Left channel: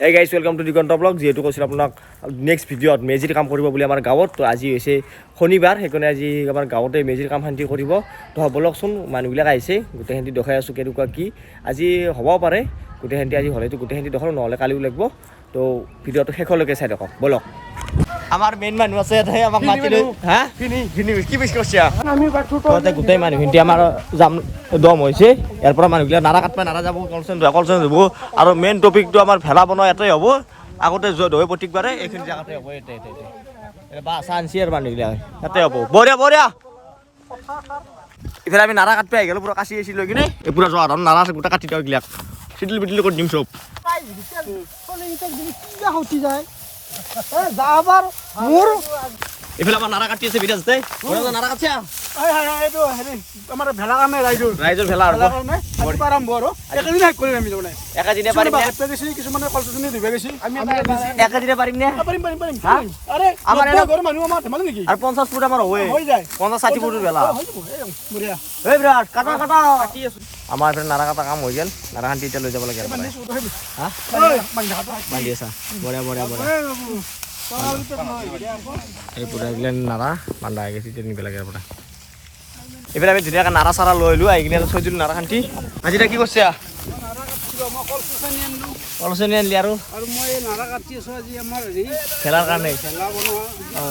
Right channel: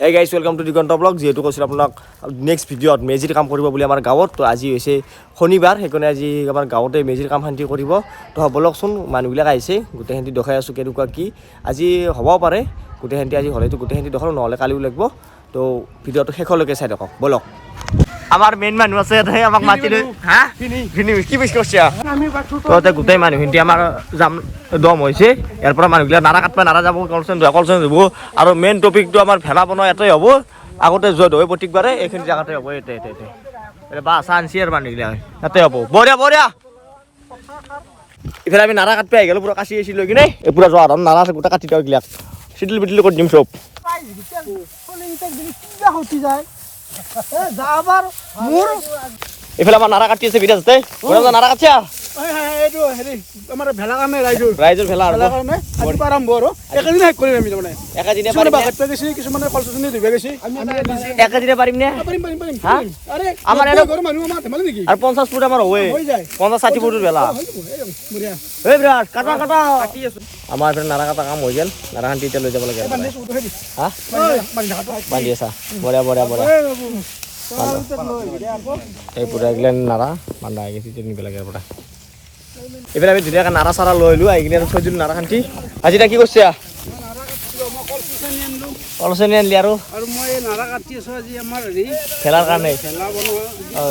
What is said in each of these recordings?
Hey guys, welcome to Diganta Vlog. যেহেতু কৈছিল আপোনাক নেক্সট ভিডিঅ'ত মেজিৰ কাম কৰিব বুলি আমাৰ গাঁৱত তো আজি হৈছে শনিবাৰ সেইকাৰণে আজি আমাৰ গাঁৱতে মেজিৰ কাম শান্তি কৰিব তো বলকচোন মানুহবিলাক আহিছে গোটেইখিনি দেখাই আছোঁ কেনেকুৱা কি আজি হ'ব পাৰে গোটেইখিনি আজি হ'লেতো গোটেইখিনি দেখালোঁ নহ'লে কালিও লাগিব তো ভিডিঅ'টো শেষলৈকে চাই থাকক বলক আমাৰ মেইন মানুহ আছে তাই আমাক মাতিলৈ হা ভিনি কি বিশ কৰিছে তো গোটেই মানুহখিনি আমাৰ যাম দম হৈছে ইয়াৰ পৰা মানুহবিলাক নাৰা কাটবা নাৰা যাব কলচন যাব আৰু মেইন টপিকটো আমাৰ ভেলা বনোৱা এটাই হ'ব আগতে য'ত হয় প্ৰত্যেকবাৰে এইখিনি জেগাতে হ'ব এতে বা চান্সি আৰু মানুহবিলাক তাতে হ'ব বঢ়িয়া বঢ়িয়া ইফালে আমি নাৰা কাটবা আহি গ'লো পুৰা কাচি আছি লৈ কিনে এই পুৰা যোৱা ধান নাৰা আছে গোটেই কাটি দিওঁ এইবিলাক চিটিল বিটিল কৰি দিম চব এইফালে আমাৰ নাৰা কাটি আছে বিৰাজ দেই নাৰা কাটিয়া আমাৰ ভেলা কাৰণে ৰাইজৰ ভেলা আৰম্ভ আৰু একেদিনে শেষ কৰিম আমি তাৰমানে একেদিনে পাৰিম কিছুমানে কলচনি ধুবে গৈছে একেদিনে পাৰিম নে পাৰিম আমাৰ ঘৰৰ মানুহ আমাৰ ধেমালি নেকি আৰু 50 ফুট আমাৰ হৈ যায় 50-60 ফুটৰ ভেলা এই বিৰাট কাটা কাটা কাটি আছো আমাৰ এফালে নাৰা কাটা কাম হৈ গ'ল নাৰা খান্তি এতিয়া লৈ যাব লাগে হা বান্ধি আছা বঢ়িয়া বঢ়িয়া বঢ়িয়া এই পুৰা এইগিলা নাৰা বান্ধা হৈ গৈছে নিব লাগে পৰা এইফালে আমি ধুনীয়াকৈ নাৰা চাৰা লৈ লো আহি কিনে থৈ দিলোঁ নাৰা খান্তি আজি কি কৰিছে কলচনি আনিলি আৰু মই নাৰা কাটি আছোঁ আজি আমাৰ ভেলাৰ কাৰণে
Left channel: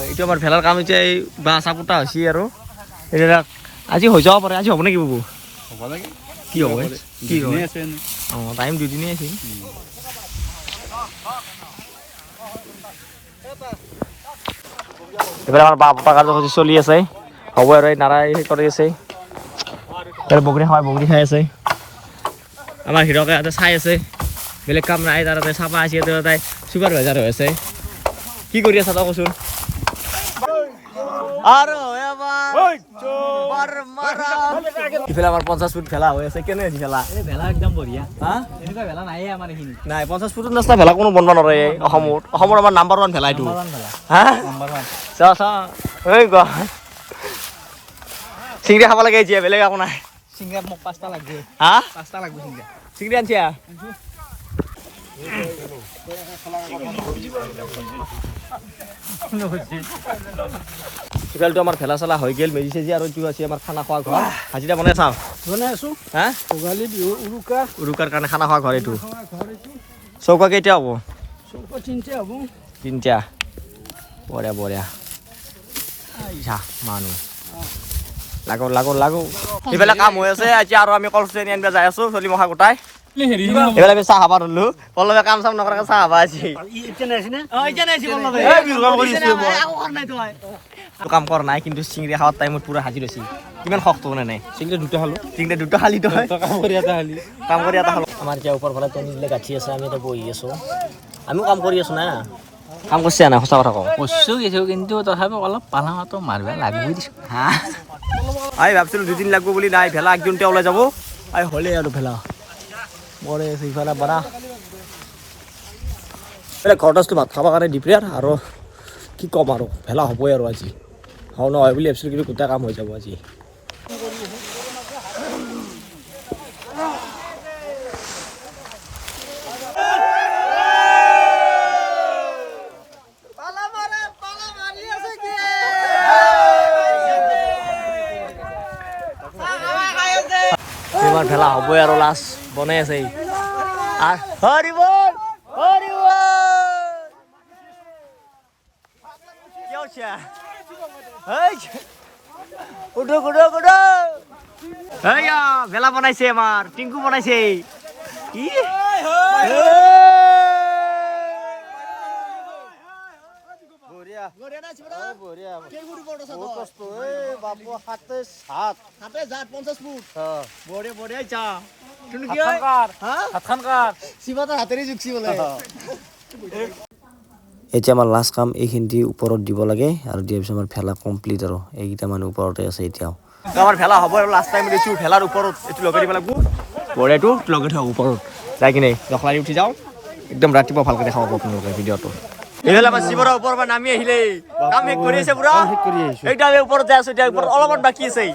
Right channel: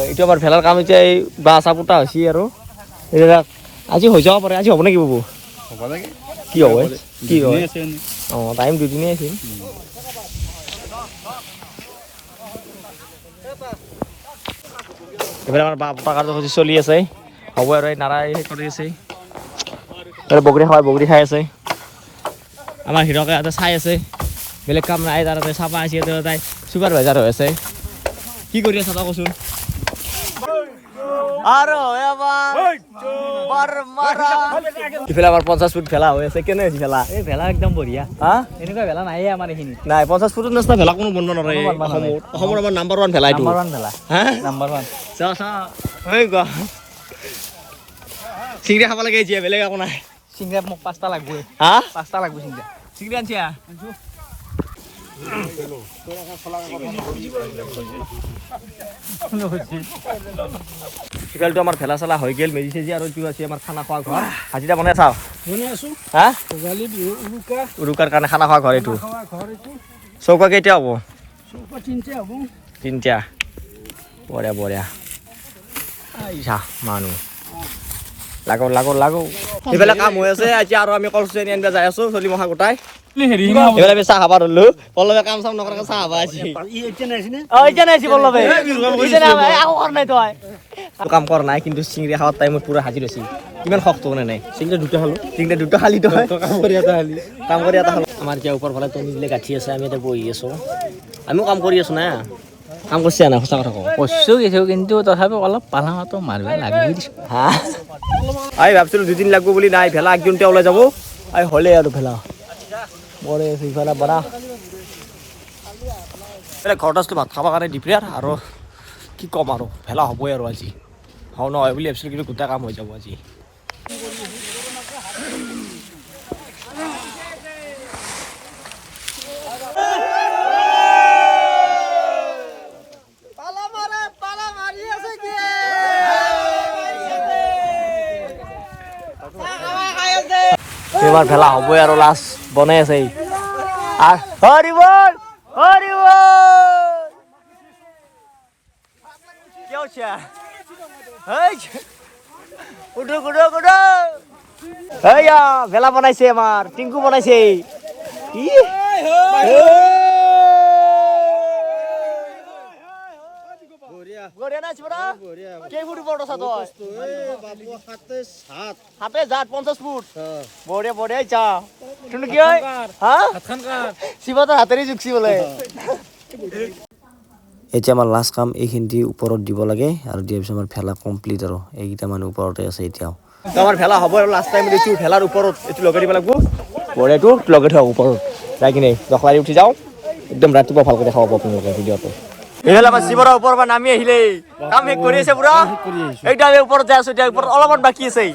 এইটো আমাৰ ভেলাৰ কাম এতিয়া এই বাঁহ চাপুটা হৈছে আৰু এইবিলাক আজি হৈ যাব পাৰে আজি হ'ব নেকি বাবু হ'ব লাগে কি হ'ব কি হয় অঁ টাইম দুদিনেই আছিল এইফালে আমাৰ বাঁহ পতা কাৰ্যসূচী চলি আছে হ'ব আৰু এই নাৰা সেই কৰি আছে বগৰী খাই আছে আমাৰ হিৰকে ইয়াতে চাই আছে বেলেগ কাম নাই তাৰ তাতে চাফা আছে তাই চুপাৰভাইজাৰ হৈ আছে কি কৰি আছা তই কচোন ইফালে আমাৰ 50 ফুট ভেলা হৈ আছে কেনে হৈছে ভেলা এই ভেলা একদম বঢ়িয়া হা এনেকুৱা ভেলা নাই আমাৰ এইখিনি নাই 50 ফুটৰ নিচিনা ভেলা কোনো বনবা নোৱাৰে অসমৰ আমাৰ নাম্বাৰ 1 ভেলা এইটো হা নাম্বাৰ 1 চা এই গ চিংৰা খাব লাগে এতিয়া বেলেগ একো নাই চিংৰা মোক 5টা লাগব হা 5টা লাগব চিংৰা আনছা সিফালটো আমাৰ ভেলা চেলা হৈ গ'ল মেজি চেজি আৰু এইটো আছে আমাৰ খানা খোৱা ঘৰ হাজিৰা বনাই চাওঁ বনাই আছোঁ হা ভোগালী বিহু উৰুকাৰ কাৰণে খানা খোৱা ঘৰ এইটো চৌকা কেইটা হ'ব চৌকা 3টা হ'ব 3টা বঢ়িয়া বঢ়িয়া আইছা মানুহ লাগো এইফালে কাম হৈ আছে এতিয়া আৰু আমি কলচনি আনিব যাই আছো চলি মখা গোটাই এইফালে আমি চাহ খাব ধৰিলো পল্লৱে কাম চাম নকৰাকে চাহ খাব কাম কৰা নাই কিন্তু চিংৰা খাৱাৰ টাইমত পুৰা হাজিৰ হৈছিল কিমান শক্ত মানে নাই চিংৰা দুটা খালি তই কাম কৰি এটা খালো আমাৰ এতিয়া ওপৰ ফালে টনিলে গাঁঠি আছে আমি এতিয়া বহি আছো আমিও কাম কৰি আছো না কাম কৰিছে নাই সঁচা কথা কওঁ কৈছোঁ কিন্তু তথাপিও অলপ পালাঙতো মাৰিব লাগবই দিছোঁ হা আই ভাবছিলোঁ 2 দিন লাগব বুলি নাই ভেলা একদিনতে ওলাই যাব আই হ'লে আৰু ভেলা মৰে আছে ইফালে বাৰা ঘৰটাচটো ভাত খাবৰ কাৰণে দিপ্ৰিয়াৰ আৰু কি ক'ম আৰু ভেলা হ'বই আৰু আজি হওঁ নহয় বুলি ভাবিছিলোঁ কিন্তু গোটেই কাম হৈ যাব আজি এবাৰ ভেলা হ'বই আৰু লাষ্ট বনাই আছে ভেলা বনাইছে আমাৰ টিংকু বনাইছে এতিয়া আমাৰ লাষ্ট কাম এইখিনি ওপৰত দিব লাগে আৰু দিয়াৰ পিছত আমাৰ ভেলা কমপ্লিট আৰু এইকেইটা মানুহ ওপৰতে আছে এতিয়াও আমাৰ ভেলা হ'ব আৰু লাষ্ট টাইম দিছোঁ ভেলাৰ ওপৰত এইটো লগাই দিব লাগিব বঢ়িয়াটো লগাই থোৱা ওপৰত যাই কিনে দখলাৰি উঠি যাওঁ একদম ৰাতিপুৱা ভালকৈ দেখাব আপোনালোকে ভিডিঅ'টো এইফালে আমাৰ শিৱৰৰ ওপৰৰ পৰা নামি আহিলে কাম শেষ কৰি আছে পুৰা এইটো আমি ওপৰত যাই আছো এতিয়া ওপৰত অলপমান বাকী আছে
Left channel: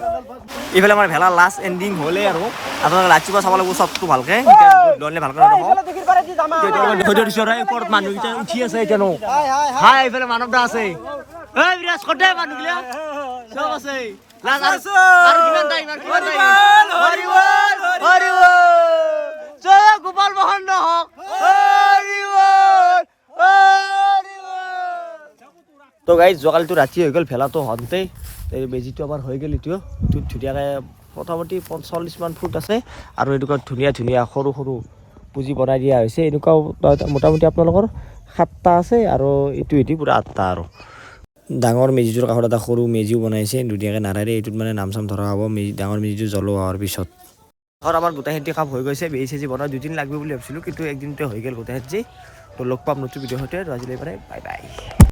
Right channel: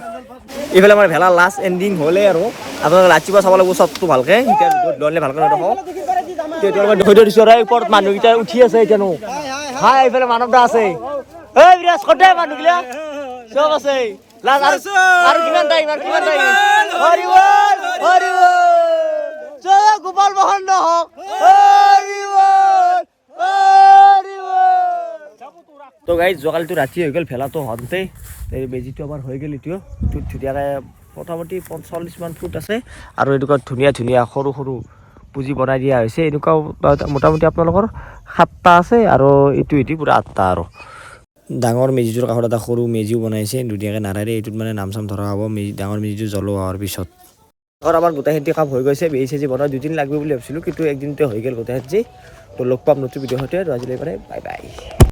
এইফালে আমাৰ ভেলা লাষ্ট এণ্ডিং হ'লে আৰু আপোনালোকে ৰাতিপুৱা চাব লাগিব চবটো ভালকে এতিয়া দৌৰিলে ভালকে নেদেখোঁ দেখুৱাই দিছোঁ আৰু ওপৰত মানুহকেইটা উঠি আছে এতিয়ানো হাই এইফালে মানৱ দা আছে এই বিৰাজ কতে মানুহগিলা চব আছে লাষ্ট আৰু কিমান টাইম হৰি বল জয় গোপাল মহন্ত হওক হৰি বল তো গাইজ যোৱাকালিতো ৰাতি হৈ গ'ল ভেলাটো হওঁতে এই বেজীটো আমাৰ হৈ গ'ল এইটো ধুনীয়াকৈ মোটামুটি 45মান ফুট আছে আৰু এনেকুৱা ধুনীয়া সৰু সৰু পুঁজি বনাই দিয়া হৈছে এনেকুৱা মোটামুটি আপোনালোকৰ 7টা আছে আৰু এইটো পূৰা 8টা আৰু ডাঙৰ মেজিটোৰ কাষত এটা সৰু মেজিও বনাইছে ধুনীয়াকৈ নাৰাৰে এইটোত মানে নাম চাম ধৰা হ'ব ডাঙৰ মেজিটো জ্বলোৱা হোৱাৰ পিছত ঘৰ আমাৰ গোটেইখিনি কাম হৈ গৈছে বেজি চেজি বনোৱা 2 দিন লাগিব বুলি ভাবিছিলোঁ কিন্তু একদিনতে হৈ গ'ল গোটেইখিনি তো লগ পাম নতুন ভিডিঅ'ৰ সৈতে আজিলৈ বাই বাই